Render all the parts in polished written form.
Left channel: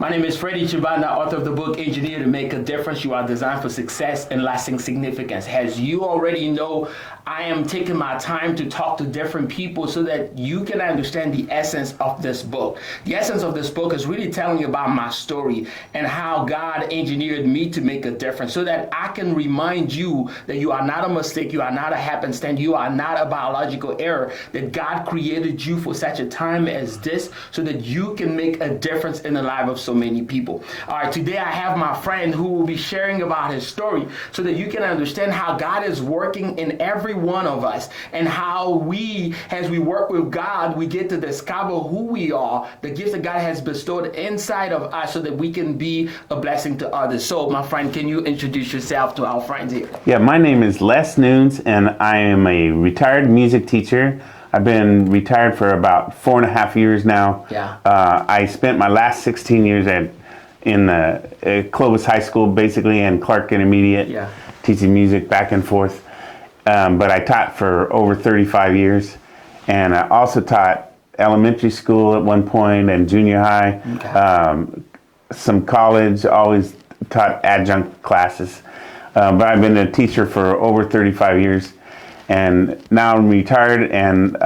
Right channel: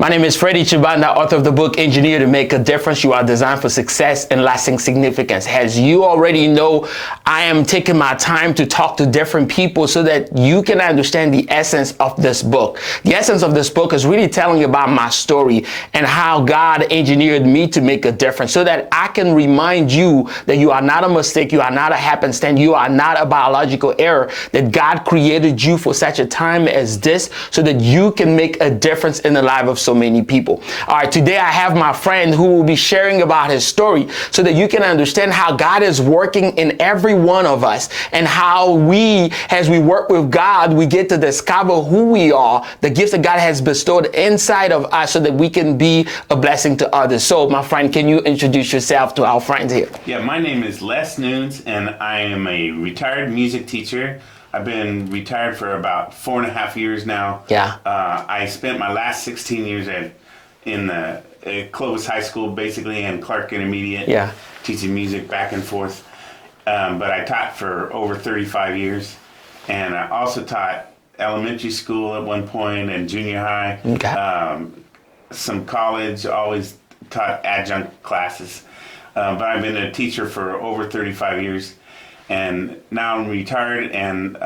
My name is Fredy Tshibanda, author of the book Engineer to Make a Difference. You are designed for success and lasting significance. As you already know, I am taking my time to talk to different people so that you can understand the essence of this book. The essence of this book is really telling you about my story and how God engineered me to make a difference so that I can remind you that you are not a mistake, you are not a happenstance, you are not a biological error, that God created you for such a time as this so that you can make a difference in the life of so many people. All right, today I have my friend who will be sharing about his story so that you can understand how God is working in every one of us and how we, as we work with God, we get to discover who we are, the gifts that God has bestowed inside of us so that we can be a blessing to others. So my friend, can you introduce yourself to our friends here? Yeah, my name is Les Nunes and I am a retired music teacher. I've been retired for about 4.5 years now. Yeah. I spent my last 16 years in Clovis High School, basically, and Clark Intermediate, Yeah. teaching music back and forth. But I taught for over 35 years, and I also taught elementary school at one point and junior high. Okay. Some college, always taught adjunct classes. But I've been a teacher for over 35 years. And now I'm retired, and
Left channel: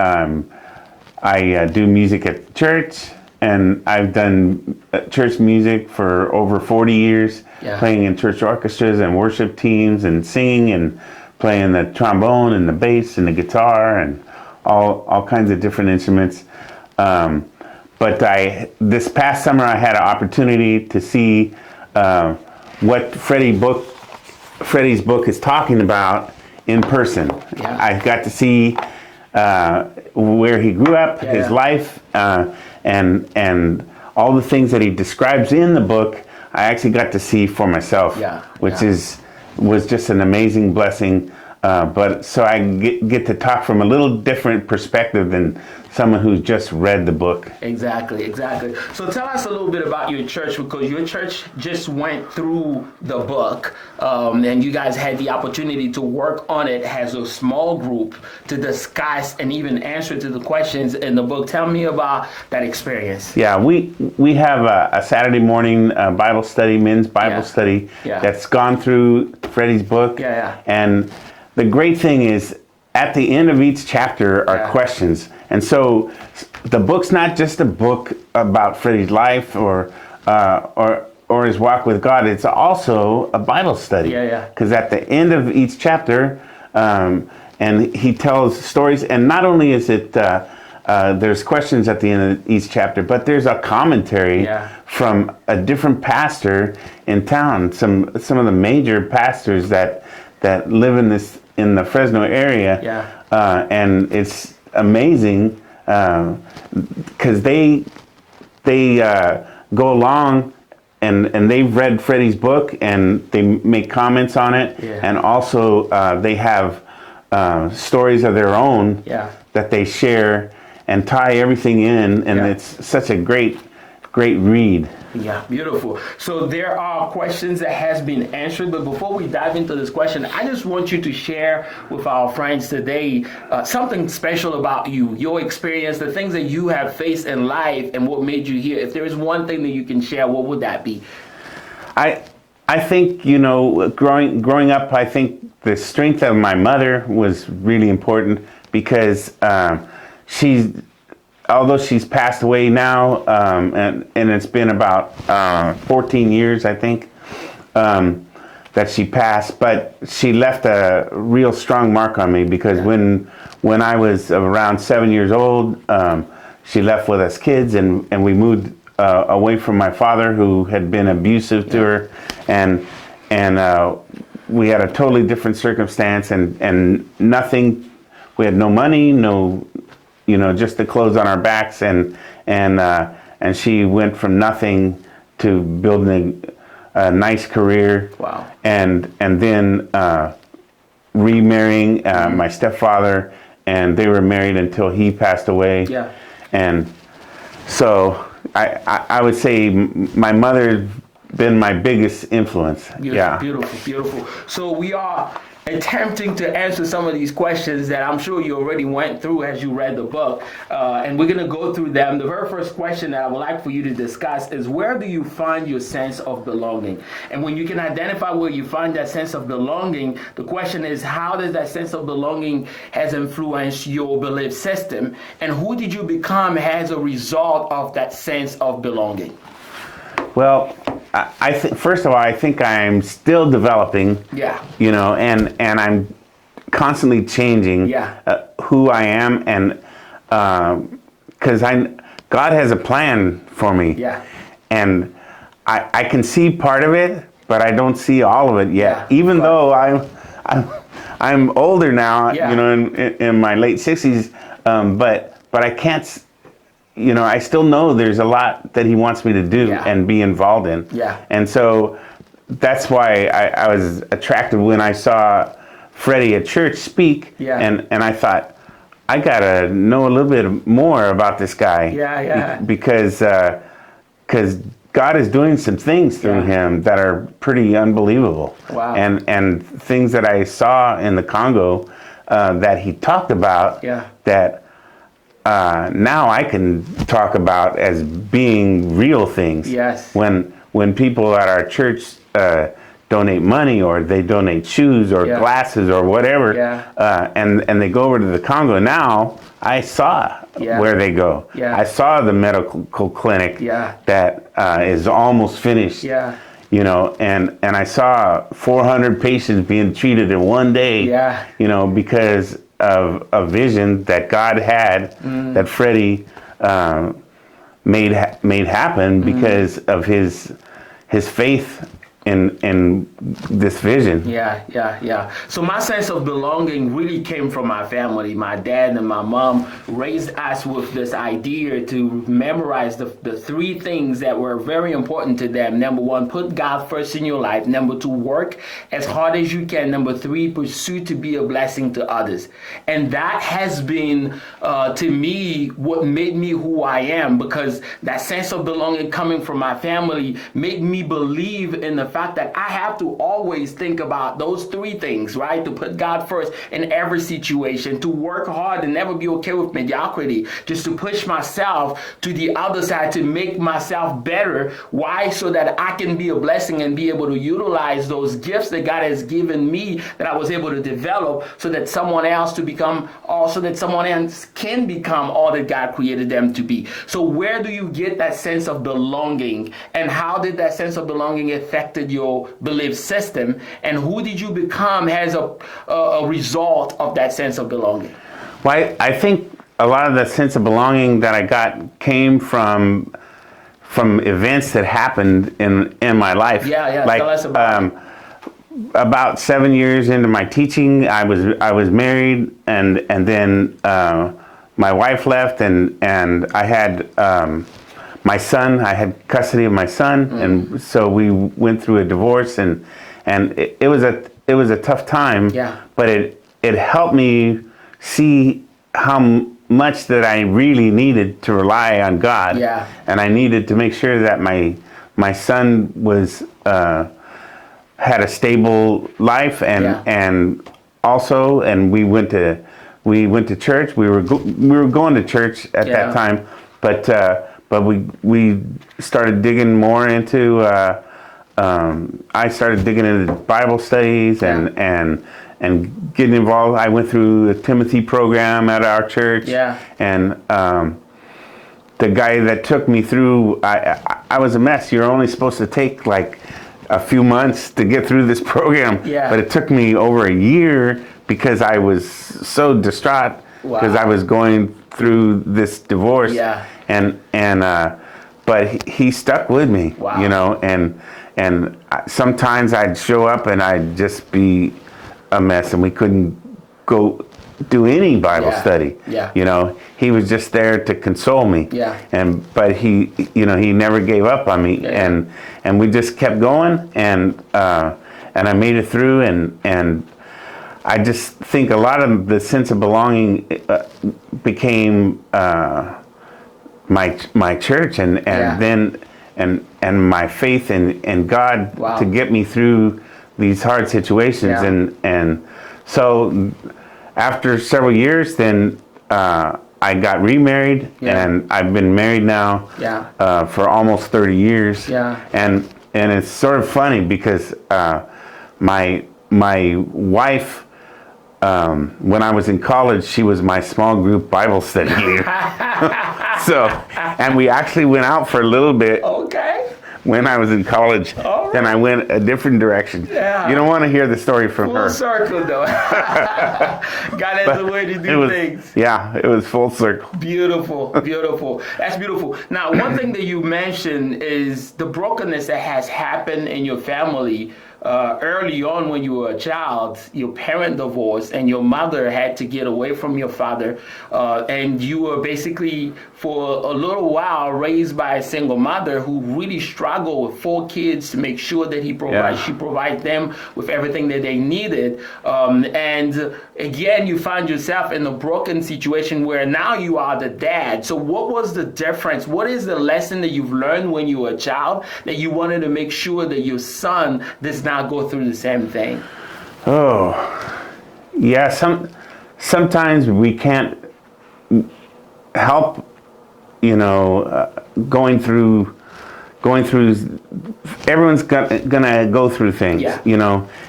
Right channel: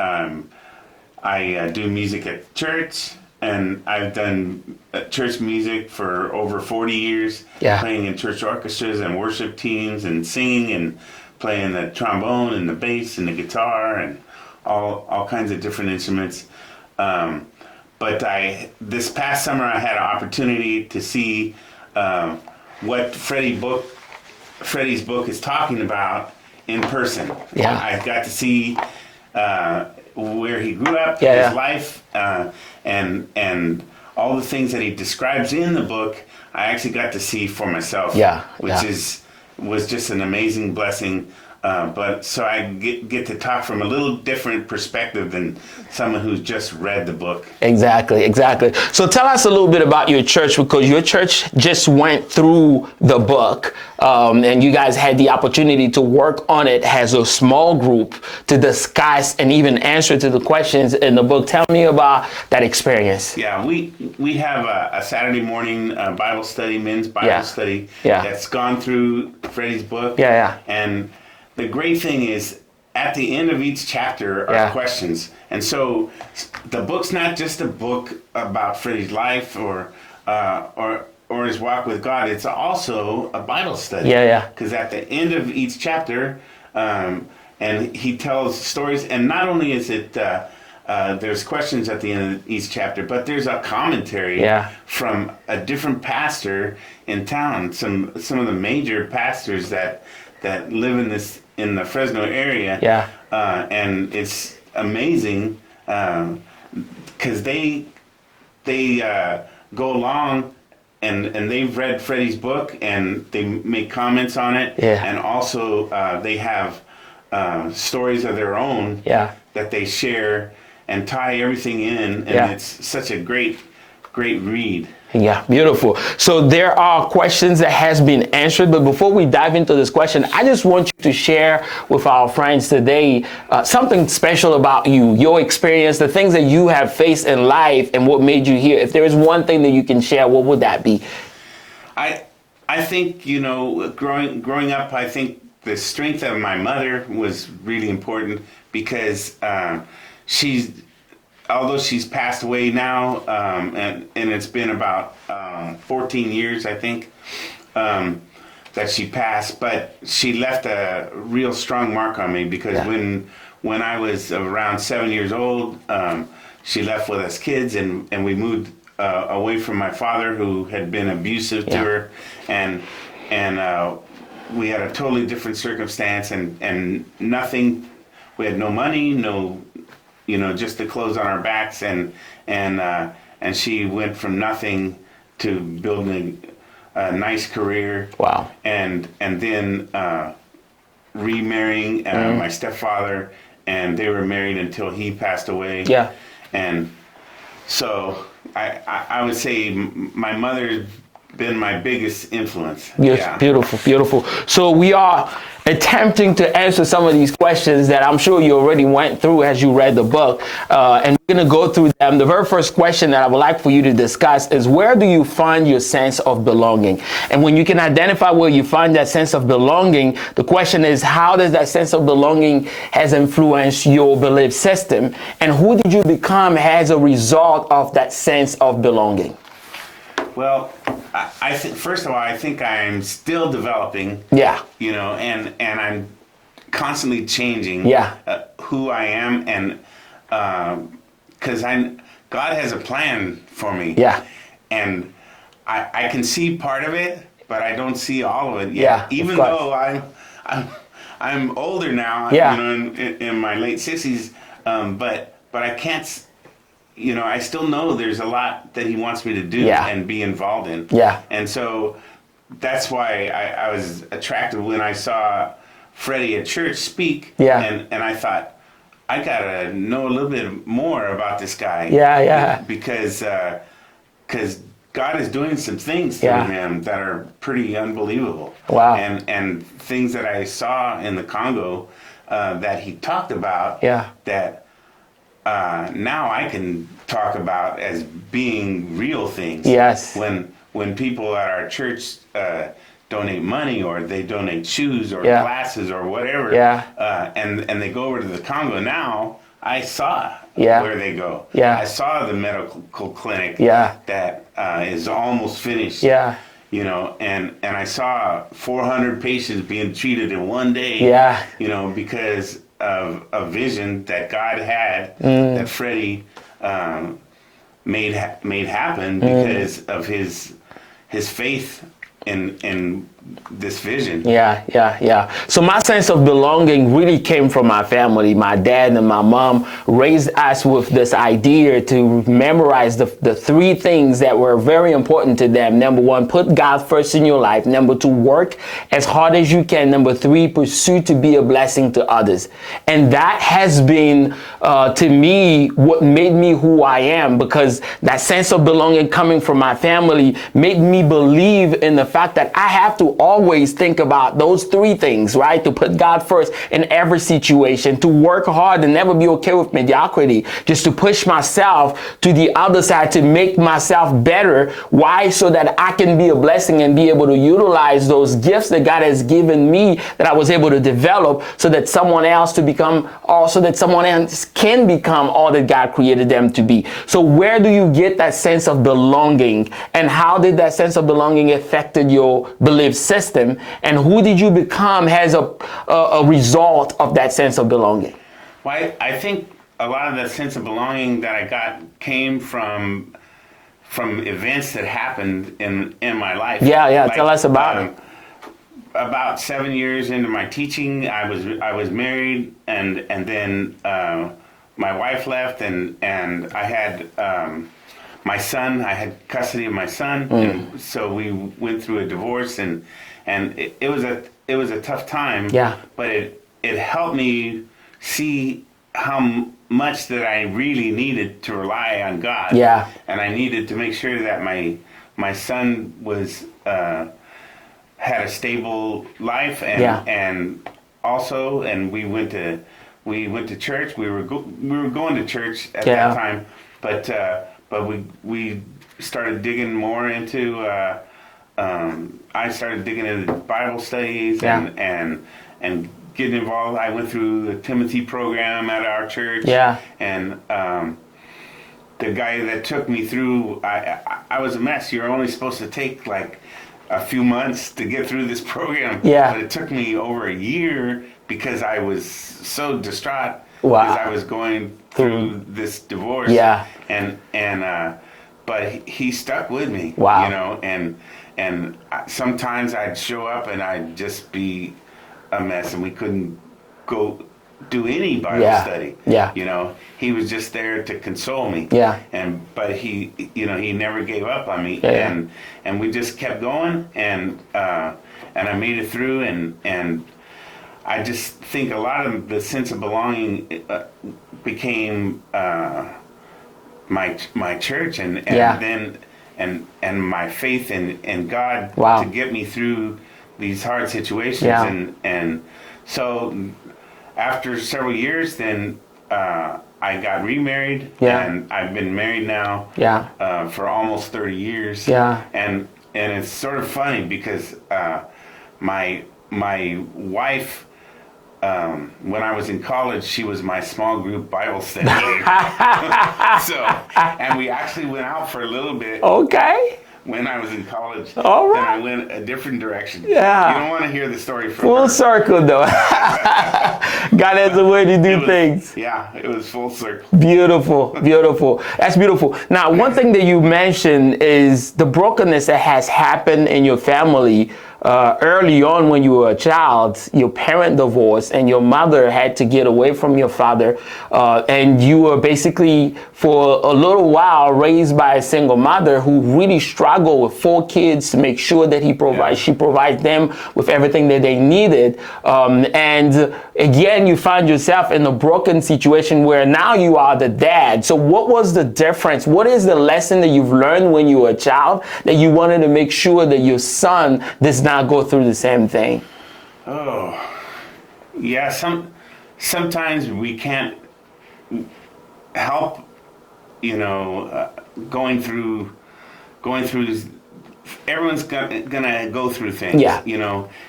I do music at church, and I've done church music for over 40 years, Yeah. playing in church orchestras and worship teams and singing and playing the trombone and the bass and the guitar and all kinds of different instruments. But this past summer I had an opportunity to see what Fredy's book is talking about in person. Yeah. I got to see where he grew up, his life, and all the things that he describes in the book. I actually got to see for myself, which was just an amazing blessing. But so I get to talk from a little different perspective than someone who's just read the book. Exactly. So tell us a little bit about your church, because your church just went through the book, and you guys had the opportunity to work on it as a small group to discuss and even answer to the questions in the book. Tell me about that experience. Yeah, we have a Saturday morning Bible study, men's Bible study, that's gone through Fredy's book. And the great thing is, at the end of each chapter are questions. And so the book's not just a book about Fredy's life or his walk with God. It's also a Bible study. Because at the end of each chapter, and he tells stories, and not only is it there's questions at the end of each chapter, but there's a commentary from a different pastor in town. Some of the major pastors that live in the Fresno area, and it's amazing because they go along and they've read Fredy's book and they make comments on it, and also they have stories of their own that they share and tie everything in, and it's such a great read. Yeah, beautiful. So there are questions that has been answered, but before we dive into this question, I just want you to share with our friends today something special about you, your experience, the things that you have faced in life and what made you here. If there is one thing that you can share, what would that be? I think, growing up, I think the strength of my mother was really important because although she's passed away now, and it's been about 14 years, I think, that she passed, but she left a real strong mark on me because when I was around 7 years old, she left with us kids, and we moved away from my father, who had been abusive to her, and we had a totally different circumstance, and nothing. We had no money, just the clothes on our backs, and she went from nothing to building a nice career. Wow. And then remarrying my stepfather, and they were married until he passed away. And so I would say my mother's been my biggest influence. Beautiful. So we are attempting to answer some of these questions that I'm sure you already went through as you read the book. And we're going to go through them. The very first question that I would like for you to discuss is, where do you find your sense of belonging? And when you can identify where you find that sense of belonging, the question is, how does that sense of belonging has influenced your belief system? And who did you become as a result of that sense of belonging? Well, I think, first of all, I think I'm still developing. Yeah. You know, and I'm constantly changing. Yeah. Who I am, and because God has a plan for me. Yeah. And I can see part of it, but I don't see all of it yet. Yeah, even though I'm older now. Yeah. You know, in my late 60s. But I can't. You know, I still know there's a lot that He wants me to do and be involved in. Yeah. And so that's why I was attracted when I saw Fredy at church speak. Yeah. And I thought, I gotta know a little bit more about this guy. Yeah, yeah. Because God is doing some things through him that are pretty unbelievable. Wow. And things that I saw in the Congo that he talked about. Yeah. That now I can talk about as being real things. Yes. When people at our church donate money, or they donate shoes or glasses or whatever, and they go over to the Congo, now I saw where they go. Yeah. I saw the medical clinic that is almost finished. Yeah. You know, and I saw 400 patients being treated in one day. Yeah. You know, because of a vision that God had, that Fredy made happen because of his faith in this vision. Yeah. So my sense of belonging really came from my family. My dad and my mom raised us with this idea to memorize the three things that were very important to them. Number one, put God first in your life. Number two, work as hard as you can. Number three, pursue to be a blessing to others. And that has been, to me, what made me who I am, because that sense of belonging coming from my family made me believe in the fact that I have to always think about those three things, right? To put God first in every situation, to work hard and never be okay with mediocrity, just to push myself to the other side, to make myself better. Why? So that I can be a blessing and be able to utilize those gifts that God has given me, that I was able to develop, so that someone else can become all that God created them to be. So where do you get that sense of belonging, and how did that sense of belonging affect your belief system, and who did you become as a result of that sense of belonging? Well, I think a lot of the sense of belonging that I got came from events that happened in my life. Yeah. Like, tell us about it. About 7 years into my teaching, I was married, and then my wife left, and I had my son. I had custody of my son, and so we went through a divorce, and it was a tough time. Yeah. But it helped me see how much that I really needed to rely on God. Yeah. And I needed to make sure that my son was had a stable life, and also, and we went to church. We were going to church at that time, but we started digging more into. I started digging into Bible studies and getting involved. I went through the Timothy program at our church. Yeah. And the guy that took me through, I was a mess. You're only supposed to take like a few months to get through this program. Yeah. But it took me over a year because I was so distraught because I was going through this divorce. Yeah. But he stuck with me. Wow. You know, and sometimes I'd show up and I'd just be a mess, and we couldn't go do any Bible study. Yeah. You know, he was just there to console me. Yeah. But he never gave up on me. Yeah. And we just kept going, and I made it through, and I just think a lot of the sense of belonging became my church, and then my faith in God to get me through these hard situations, and so after several years, then I got remarried, and I've been married now for almost 30 years. And it's sort of funny because my wife, when I was in college, she was my small group Bible study leader. So, and we actually went out for a little bit. Okay. When I was in college, then I went a different direction. Yeah. You don't want to hear the story from full her. Circle, though. God has a way to do things. Yeah, it was full circle. Beautiful, beautiful. That's beautiful. Now, one thing that you mentioned is the brokenness that has happened in your family. Early on when you were a child, your parent divorced and your mother had to get away from your father, and you were basically for a little while raised by a single mother who really struggled with 4 kids to make sure that she provides them with everything that they needed. And again, you find yourself in a broken situation where now you are the dad. So what was the difference? What is the lesson that you've learned when you were a child that you wanted to make sure that your son does not go through the same thing? Oh, yeah. Sometimes we can't help, going through. Everyone's gonna go through things,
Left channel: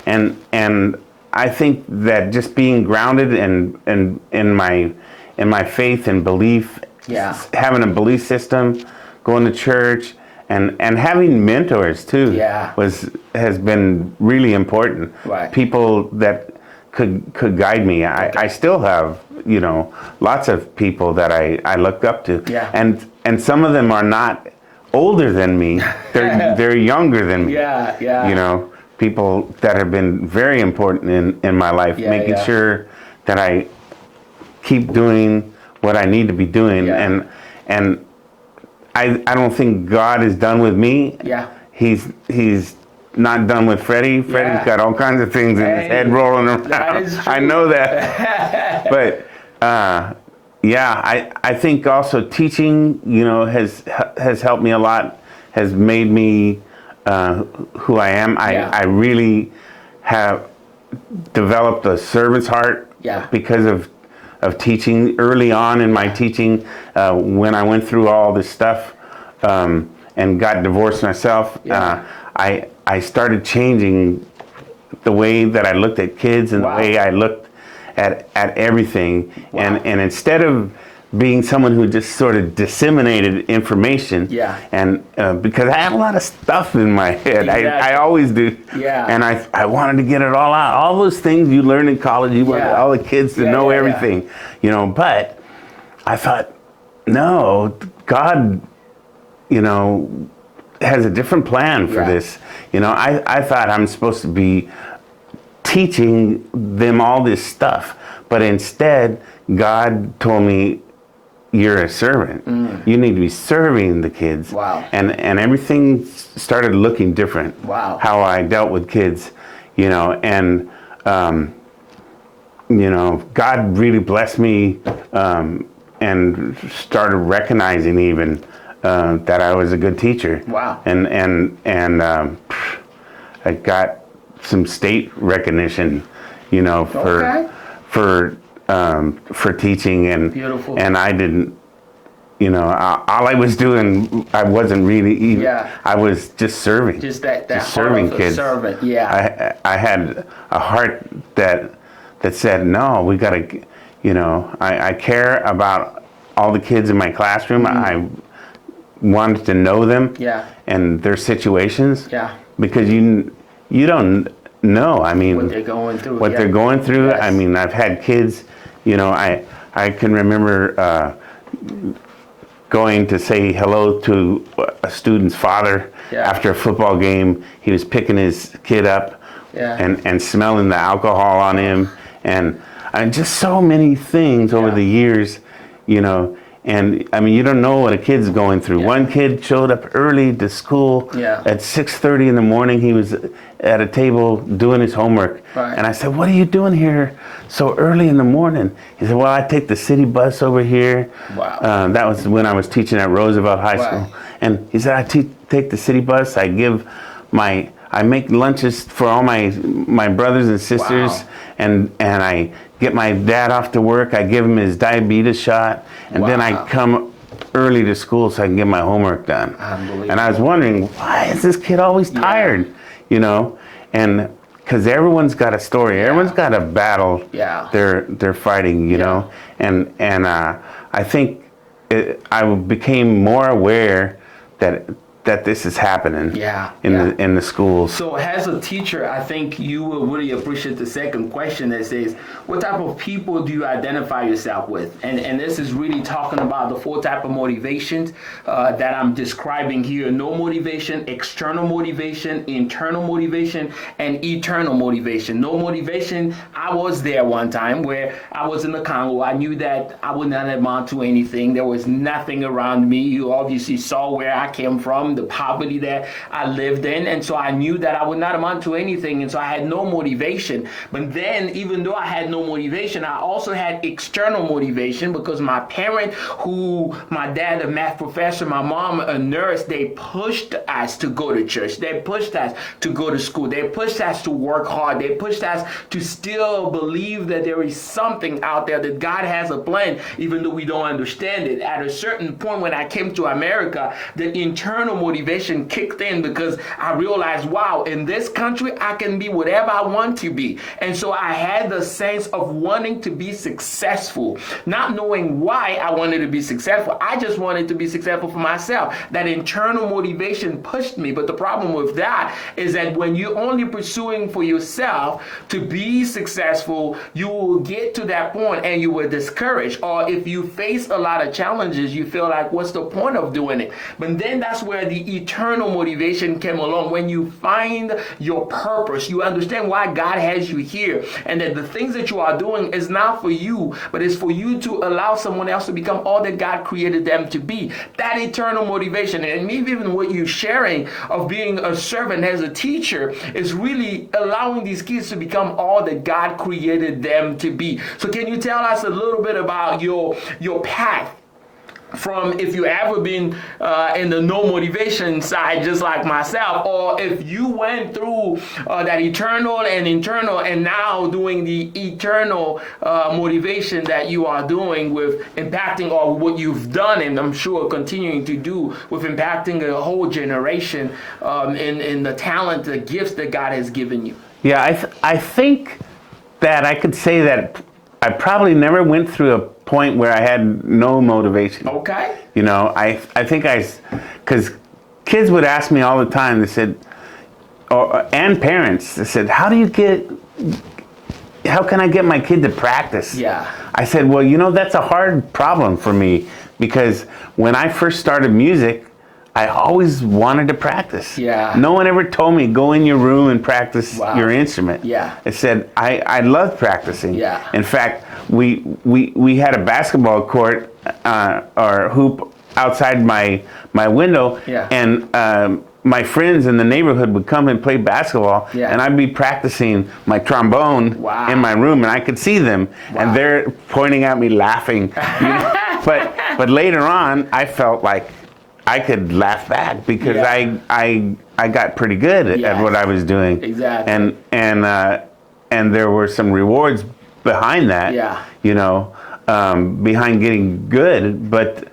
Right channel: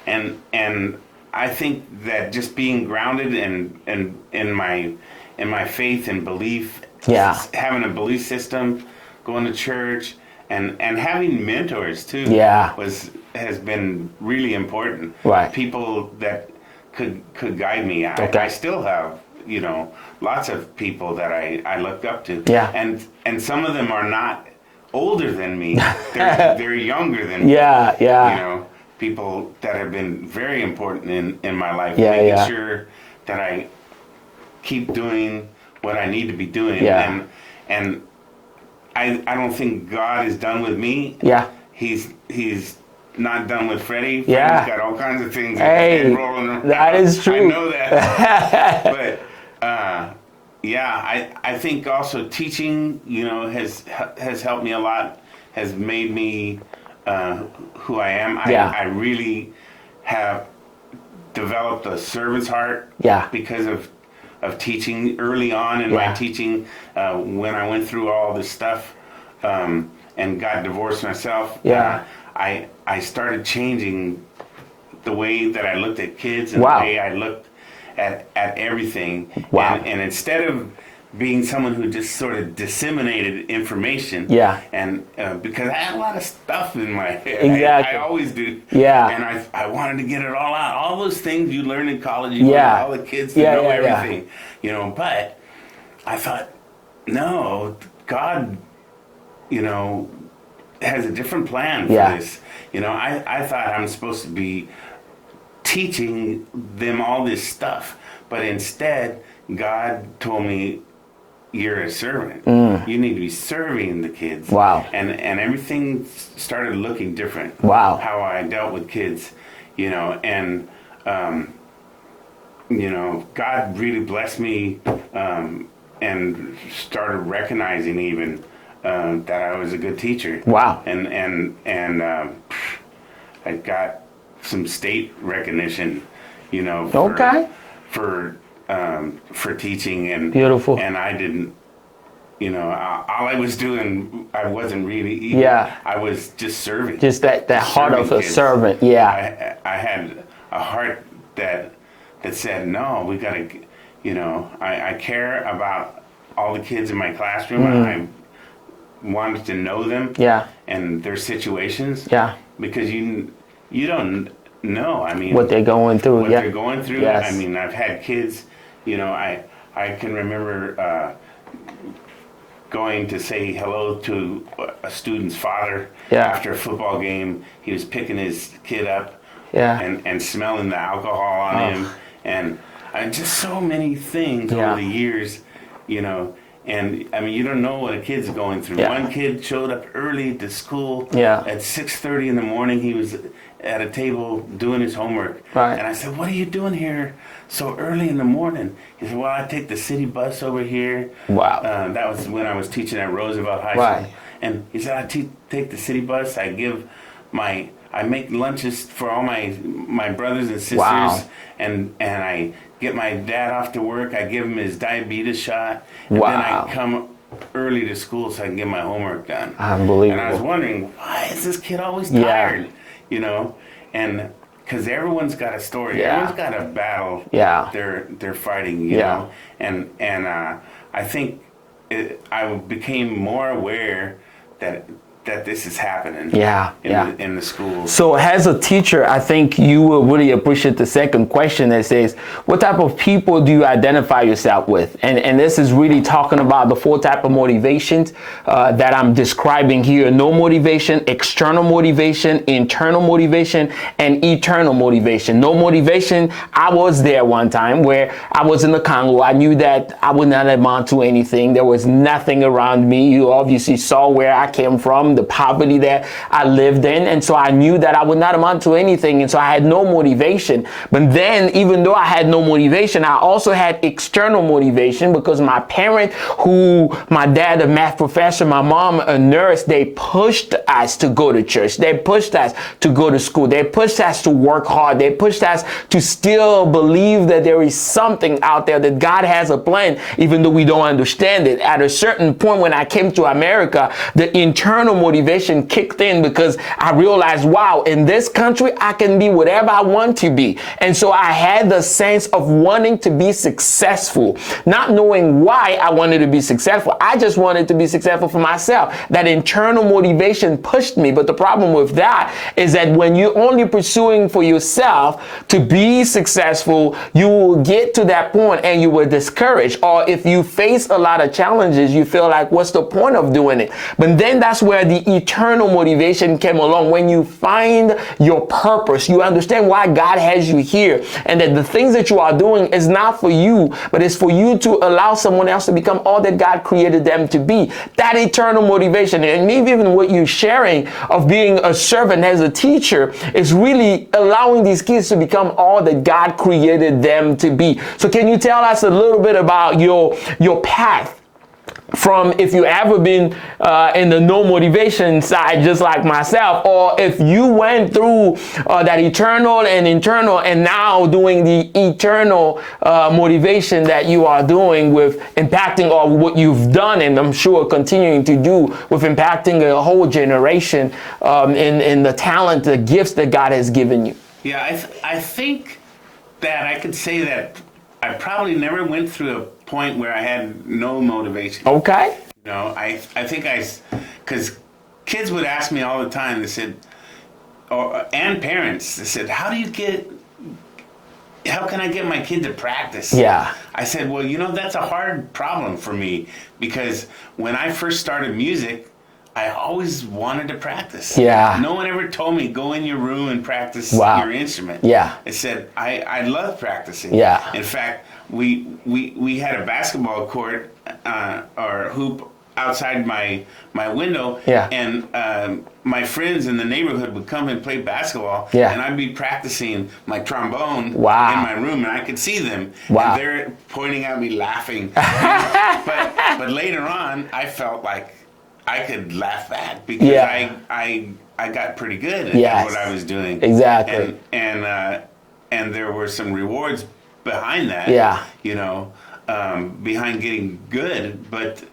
and I think that just being grounded and in my faith and belief, having a belief system, going to church. And having mentors too has been really important. Right. People that could guide me. I still have lots of people that I looked up to. Yeah. And some of them are not older than me. They're younger than me. Yeah. People that have been very important in my life, making sure that I keep doing what I need to be doing. And I don't think God is done with me. Yeah. He's not done with Fredy. Fredy's got all kinds of things in his head rolling around. That is true. I know that. But I think also teaching, has helped me a lot, has made me who I am. I really have developed a servant's heart because of teaching early on in my teaching, when I went through all this stuff and got divorced myself. I started changing the way that I looked at kids and the way I looked at everything. And instead of being someone who just sort of disseminated information, and because I have a lot of stuff in my head, I always do, and I wanted to get it all out. All those things you learn in college, you want all the kids to know everything, but I thought, no, God, has a different plan for this. I thought I'm supposed to be teaching them all this stuff, but instead God told me, you're a servant. You need to be serving the kids. And everything started looking different. How I dealt with kids, and God really blessed me, and started recognizing even that I was a good teacher. And I got some state recognition, for teaching, and beautiful. And I didn't, all I was doing, I wasn't really eating. I was just serving. Just that heart of a servant. I had a heart that said, no, we got to, I care about all the kids in my classroom. I wanted to know them and their situations. Because you don't know. I mean, what they're going through. They're going through. I mean, I've had kids. I can remember going to say hello to a student's father after a football game. He was picking his kid up and smelling the alcohol on him, and just so many things over the years, And I mean, you don't know what a kid's going through. One kid showed up early to school at 6:30 in the morning. He was at a table doing his homework. And I said, what are you doing here so early in the morning? He said, well, I take the city bus over here. That was when I was teaching at Roosevelt High School. And he said, I take the city bus. I give I make lunches for all my brothers and sisters, and I get my dad off to work. I give him his diabetes shot, and then I come early to school so I can get my homework done. Unbelievable. And I was wondering, why is this kid always tired? You know, and because everyone's got a story, everyone's got a battle they're fighting. You know, and I think I became more aware that this is happening in the schools. So as a teacher, I think you will really appreciate the second question that says, what type of people do you identify yourself with? And this is really talking about the 4 types of motivations that I'm describing here. No motivation, external motivation, internal motivation, and eternal motivation. No motivation, I was there one time where I was in the Congo. I knew that I would not amount to anything. There was nothing around me. You obviously saw where I came from, the poverty that I lived in, and so I knew that I would not amount to anything, and so I had no motivation. But then, even though I had no motivation, I also had external motivation, because my parent, my dad a math professor, my mom a nurse, they pushed us to go to church. They pushed us to go to school. They pushed us to work hard. They pushed us to still believe that there is something out there, that God has a plan, even though we don't understand it. At a certain point when I came to America, the internal motivation kicked in, because I realized, wow, in this country, I can be whatever I want to be. And so I had the sense of wanting to be successful, not knowing why I wanted to be successful. I just wanted to be successful for myself. That internal motivation pushed me. But the problem with that is that when you're only pursuing for yourself to be successful, you will get to that point and you will discourage. Or if you face a lot of challenges, you feel like, what's the point of doing it? But then that's where the eternal motivation came along. When you find your purpose, you understand why God has you here, and that the things that you are doing is not for you, but it's for you to allow someone else to become all that God created them to be. That eternal motivation, and maybe even what you're sharing of being a servant as a teacher, is really allowing these kids to become all that God created them to be. So can you tell us a little bit about your path from, if you ever been in the no motivation side just like myself, or if you went through that eternal and internal and now doing the eternal motivation that you are doing with impacting, or what you've done and I'm sure continuing to do with impacting a whole generation in the talent, the gifts that God has given you. Yeah, I think that I could say that I probably never went through a point where I had no motivation. Okay. You know, I think because kids would ask me all the time, they said, and parents, they said, how can I get my kid to practice? Yeah. I said, well, you know, that's a hard problem for me, because when I first started music, I always wanted to practice. Yeah. No one ever told me, go in your room and practice your instrument. Yeah. I said, I love practicing. Yeah. In fact, we had a basketball court or hoop outside my window. Yeah. And my friends in the neighborhood would come and play basketball. Yeah. And I'd be practicing my trombone in my room, and I could see them. Wow. And they're pointing at me laughing. You know? But later on, I felt like I could laugh back, because I got pretty good at what I was doing. Exactly. And there were some rewards behind that. Yeah. You know, behind geting good, but.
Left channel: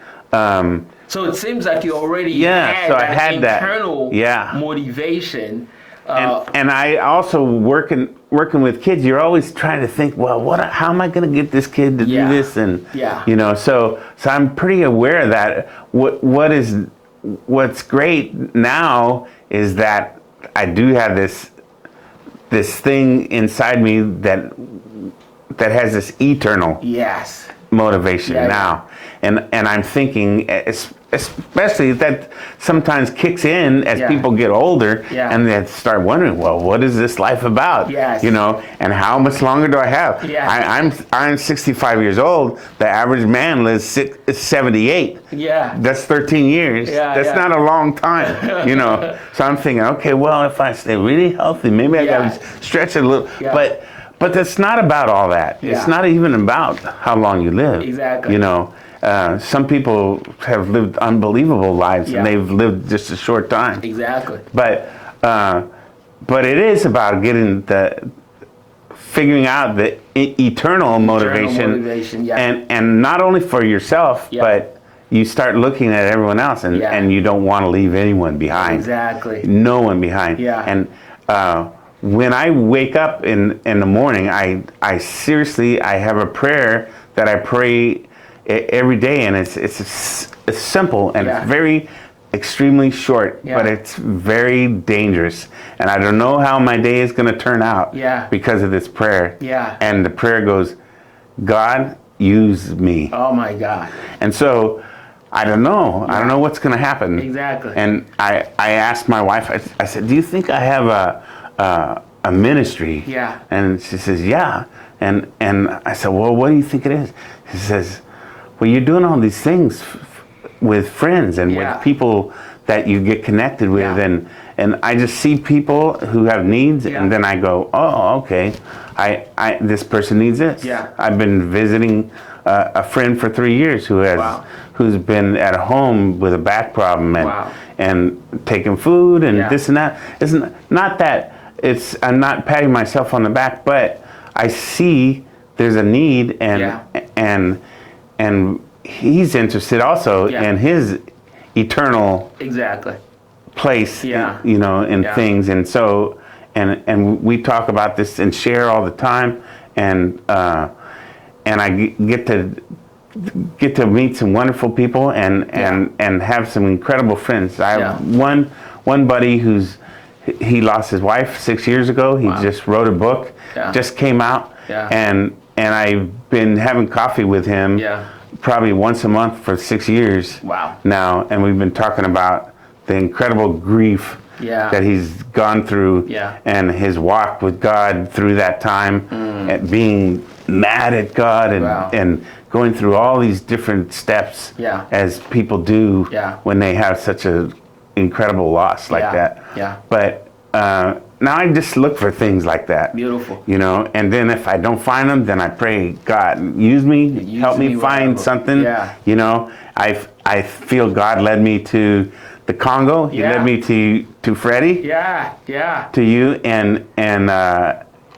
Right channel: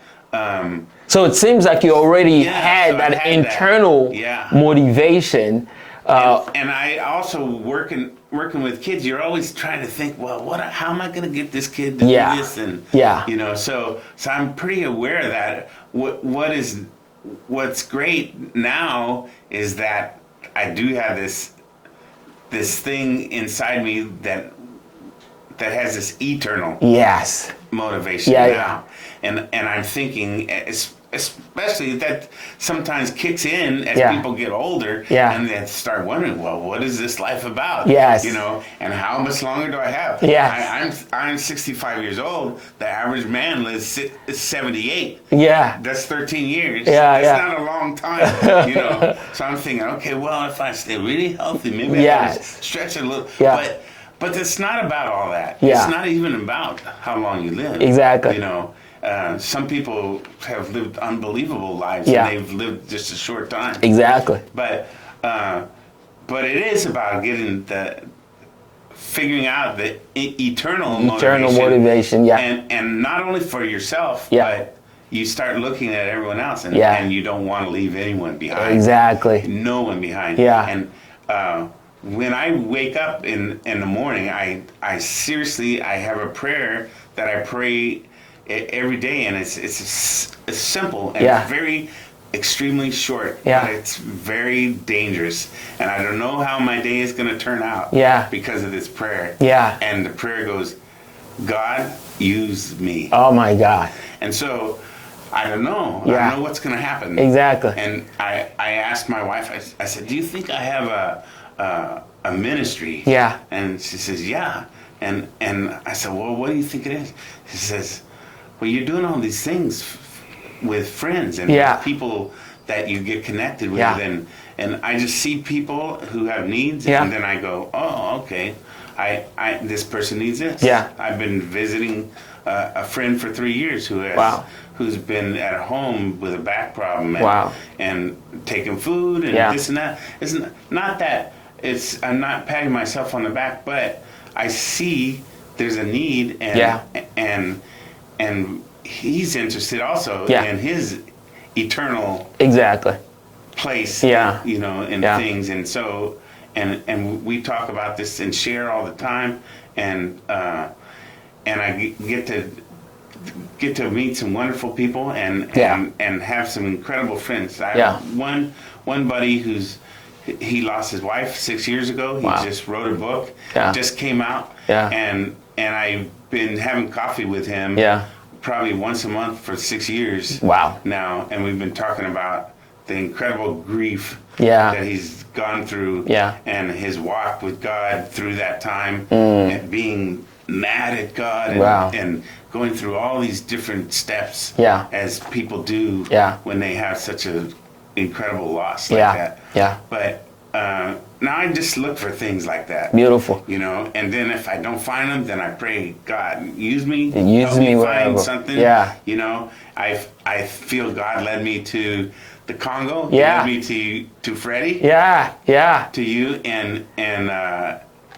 So it seems like you already had that internal motivation. And I also working with kids, you're always trying to think, well, how am I going to get this kid to do this? And you know, so I'm pretty aware of that. What's great now is that I do have this thing inside me that has this eternal motivation now. And I'm thinking, especially that sometimes kicks in as people get older, and they start wondering, well, what is this life about? Yes. You know, and how much longer do I have? Yes. I'm 65 years old. The average man lives 78. Yeah. That's 13 years. That's not a long time, you know. So I'm thinking, okay, well, if I stay really healthy, maybe I gotta stretch it a little. Yeah. But that's not about all that. Yeah. It's not even about how long you live. Exactly. You know. Some people have lived unbelievable lives, and they've lived just a short time. Exactly. But but it is about figuring out the eternal motivation. And not only for yourself, but you start looking at everyone else, and you don't want to leave anyone behind. Exactly. No one behind. Yeah. And when I wake up in the morning, I seriously, I have a prayer that I pray every day, and it's simple and very extremely short, but it's very dangerous. And I don't know how my day is going to turn out because of this prayer. And the prayer goes, God, use me. Oh my God. And so I don't know. I don't know what's going to happen. Exactly. And I asked my wife, I said, do you think I have a ministry? And she says, yeah. And I said, well, what do you think it is? She says, well, you're doing all these things with friends and with people that you get connected with, and I just see people who have needs, and then I go, oh, okay, I this person needs this. I've been visiting a friend for 3 years who's been at home with a back problem and taking food and this and that. It's not that I'm not patting myself on the back, but I see there's a need, and he's interested also in his eternal place, in things. And so, and we talk about this and share all the time, and I get to meet some wonderful people and have some incredible friends. I have one buddy he lost his wife 6 years ago. He just wrote a book, just came out, and I've been having coffee with him probably once a month for 6 years now, and we've been talking about the incredible grief that he's gone through and his walk with God through that time, and being mad at God and going through all these different steps as people do when they have such an incredible loss like that. But now I just look for things like that. Beautiful. And then if I don't find them, then I pray, God, use me, help me find something. I feel God led me to the Congo. He led me to Fredy. To you, and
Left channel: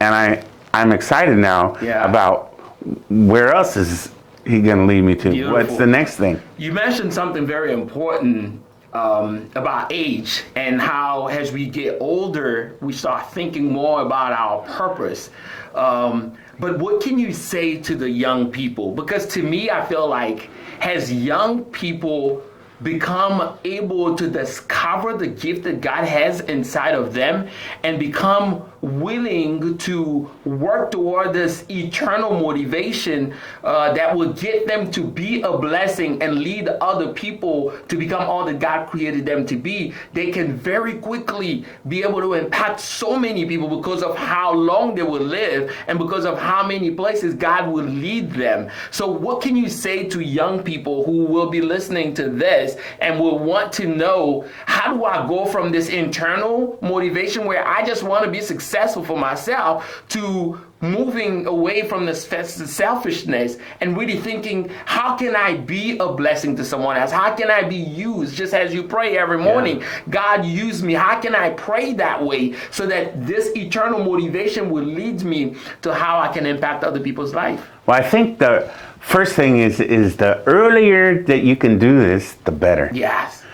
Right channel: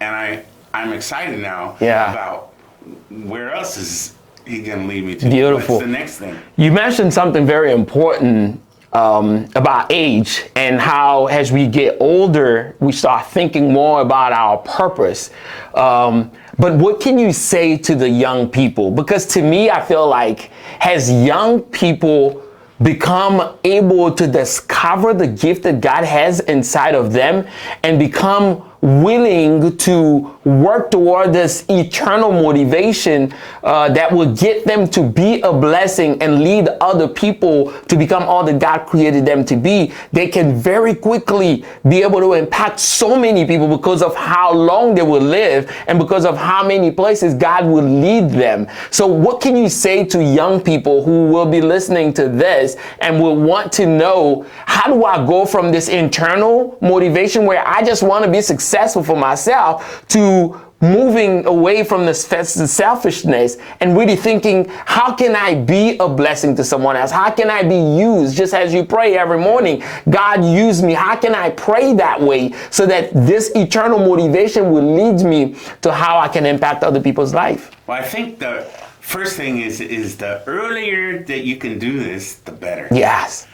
I'm excited now about where else is he going to lead me to. Beautiful. What's the next thing? You mentioned something very important about age, and how as we get older, we start thinking more about our purpose. But what can you say to the young people? Because to me, I feel like as young people become able to discover the gift that God has inside of them and become willing to work toward this eternal motivation that will get them to be a blessing and lead other people to become all that God created them to be, they can very quickly be able to impact so many people because of how long they will live and because of how many places God will lead them. So what can you say to young people who will be listening to this and will want to know, how do I go from this internal motivation where I just want to be successful for myself to moving away from the selfishness and really thinking, how can I be a blessing to someone else? How can I be used? Just as you pray every morning, God, use me. How can I pray that way so that this eternal motivation will lead me to how I can impact other people's life? Well, I think the first thing is the earlier that you can do this, the better. Yes.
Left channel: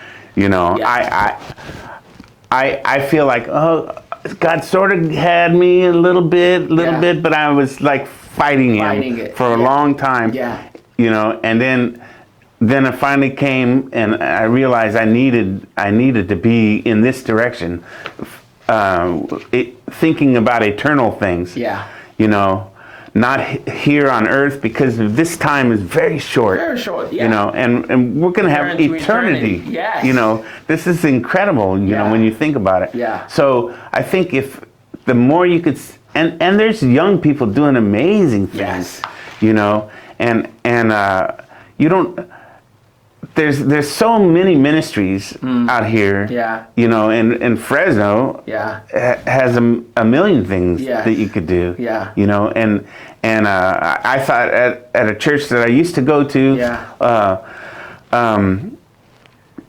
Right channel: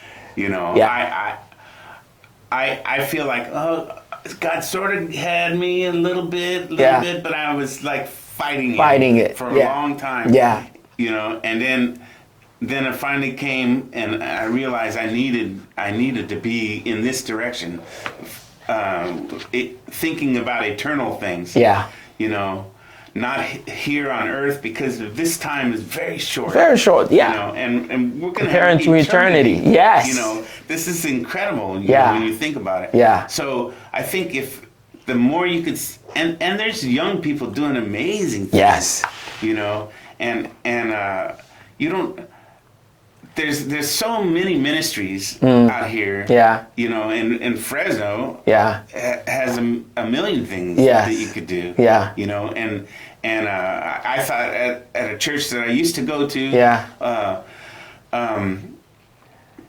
I feel like, God sort of had me a little bit, but I was like fighting it for a long time. And then it finally came, and I realized I needed to be in this direction, thinking about eternal things. Not here on earth, because this time is very short. Very short, and we're going to have eternity. Yes. This is incredible, when you think about it. So I think if the more you could, and there's young people doing amazing things. And you don't, there's so many ministries out here. And Fresno has a million things that you could do. And I thought at a church that I used to go to,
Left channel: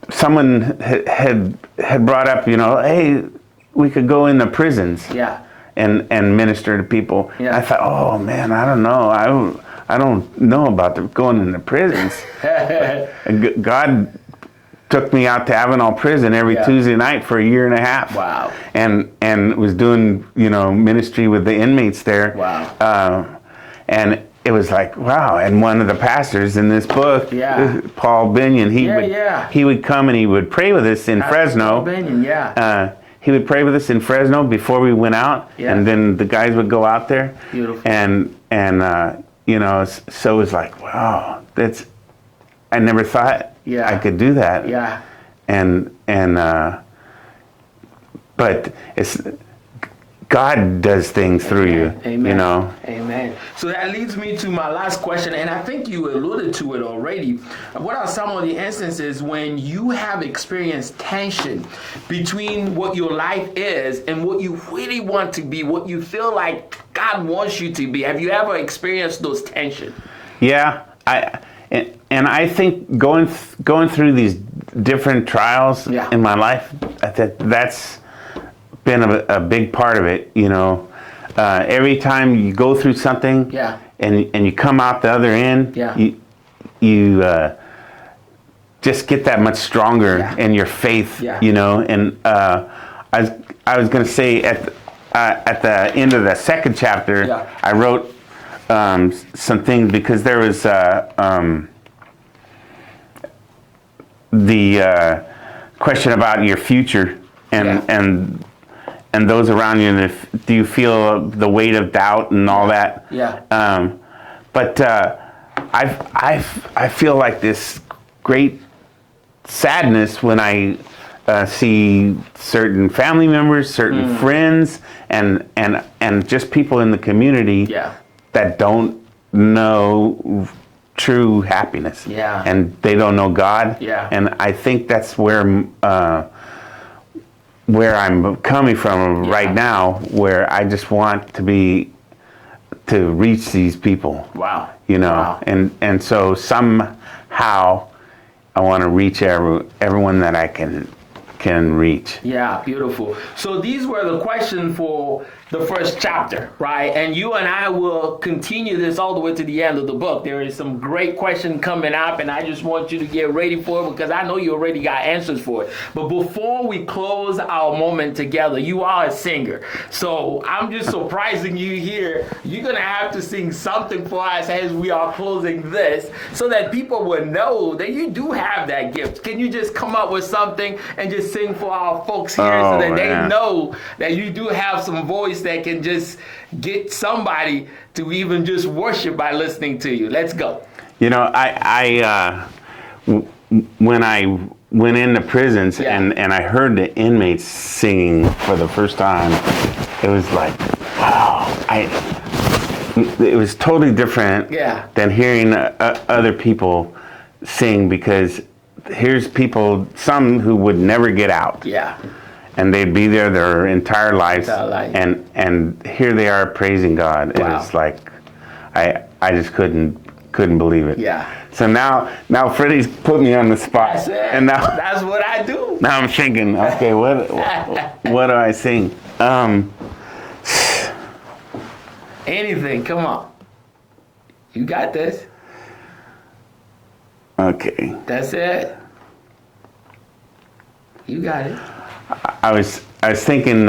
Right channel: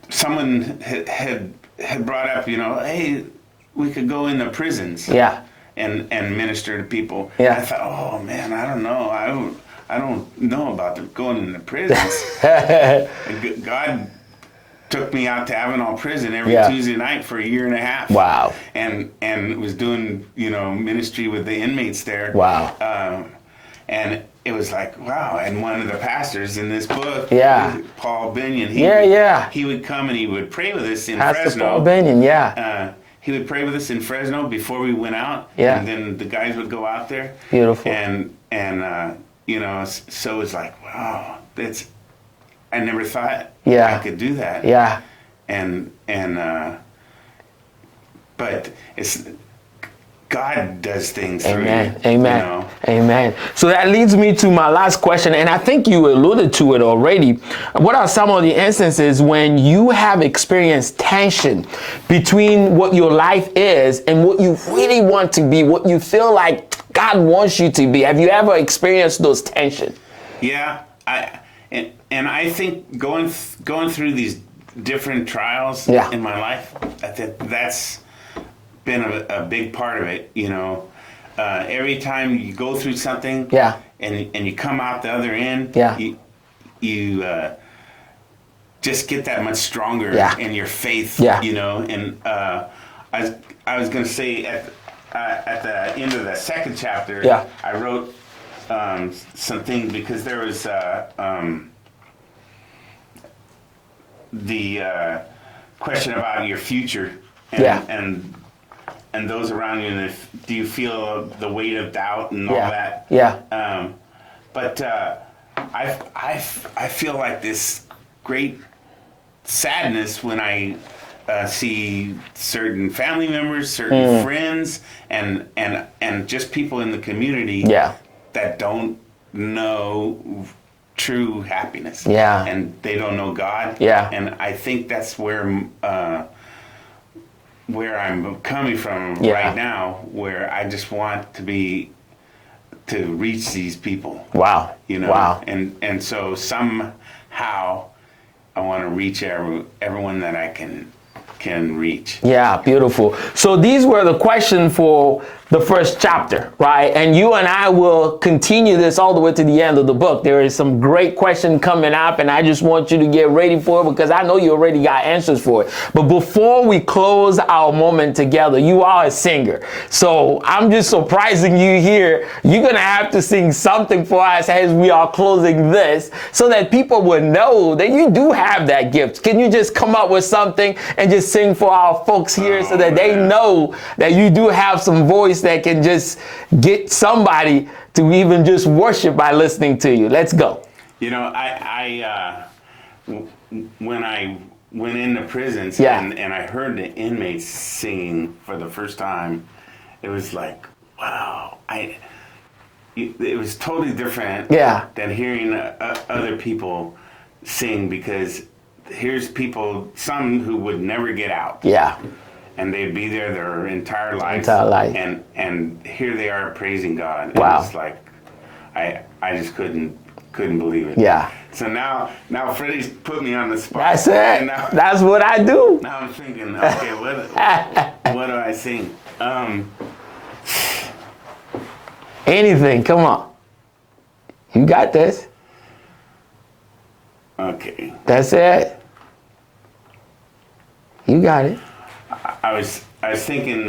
someone had brought up, hey, we could go into prisons. Yeah. And minister to people. Yeah. I thought, oh man, I don't know. I don't know about going into prisons. And God took me out to Avenal Prison every Tuesday night for a year and a half. Wow. And was doing, ministry with the inmates there. Wow. And it was like, wow. And one of the pastors in this book, Paul Binion, he would come and he would pray with us in Fresno. Paul Binion, he would pray with us in Fresno before we went out, and then the guys would go out there. Beautiful. And so it was like, wow, I never thought I could do that. Yeah. But God does things through you. Amen. Amen. So that leads me to my last question, and I think you alluded to it already. What are some of the instances when you have experienced tension between what your life is and what you really want to be, what you feel like God wants you to be? Have you ever experienced those tensions? Yeah. I think going through these different trials in my life, that's been a big part of it. Every time you go through something and you come out the other end, you just get that much stronger in your faith. And I was going to say at the end of the second chapter, I wrote some things because there was the question about your future and those around you, and do you feel the weight of doubt and all that? But I feel like this great sadness when I see certain family members, certain friends, and just people in the community that don't know true happiness. And they don't know God. And I think that's where I'm coming from right now, where I just want to reach these people. Wow. And so somehow I want to reach everyone that I can reach. Yeah, beautiful. So these were the questions for the first chapter, right? And you and I will continue this all the way to the end of the book. There is some great question coming up, and I just want you to get ready for it because I know you already got answers for it. But before we close our moment together, you are a singer. So I'm just surprising you here. You're going to have to sing something for us as we are closing this so that people will know that you do have that gift. Can you just come up with something and just sing for our folks here so that they know that you do have some voice that can just get somebody to even just worship by listening to you? Let's go. When I went into prisons and I heard the inmates singing for the first time, it was like, wow. It was totally different than hearing other people sing, because here's people, some who would never get out. And they'd be there their entire lives. And here they are praising God. Wow. It was like, I just couldn't believe it. So now Freddie's put me on the spot. That's it. And that's what I do. Now I'm thinking, okay, what do I sing? Anything, come on. You got this. Okay. That's it. You got it. I was thinking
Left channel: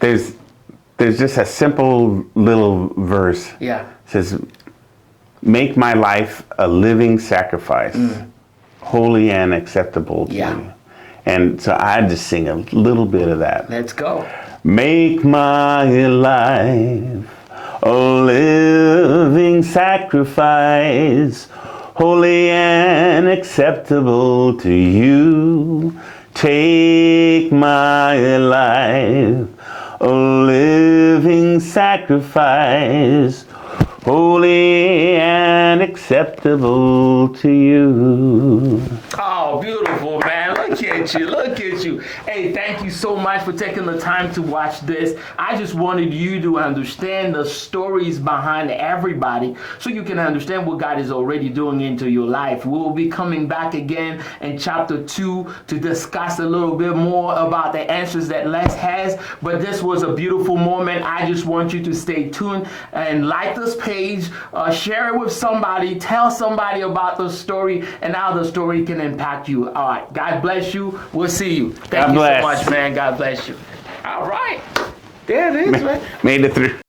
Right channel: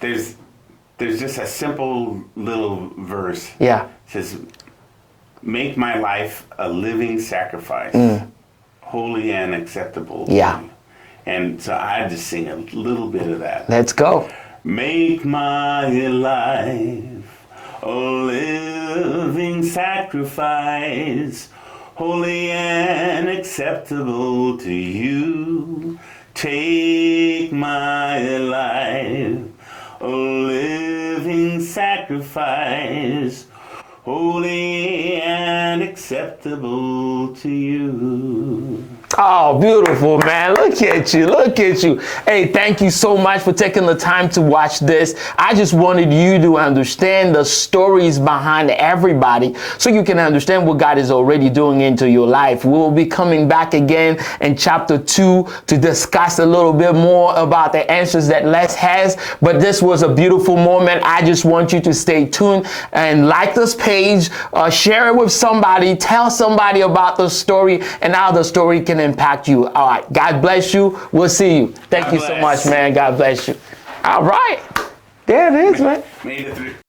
there's just a simple little verse. It says, make my life a living sacrifice, holy and acceptable to you. And so I just sing a little bit of that. Let's go. Make my life a living sacrifice, holy and acceptable to you. Take my life, a living sacrifice, holy and acceptable to you. Oh, beautiful, man. Look at you. Look at you. Hey, thank you so much for taking the time to watch this. I just wanted you to understand the stories behind everybody so you can understand what God is already doing into your life. We'll be coming back again in chapter 2 to discuss a little bit more about the answers that Les has. But this was a beautiful moment. I just want you to stay tuned and like this page, share it with somebody, tell somebody about the story and how the story can impact you. All right. God bless you. We'll see you. Thank you so much, man. God bless you. All right. There it is, man. Made it through.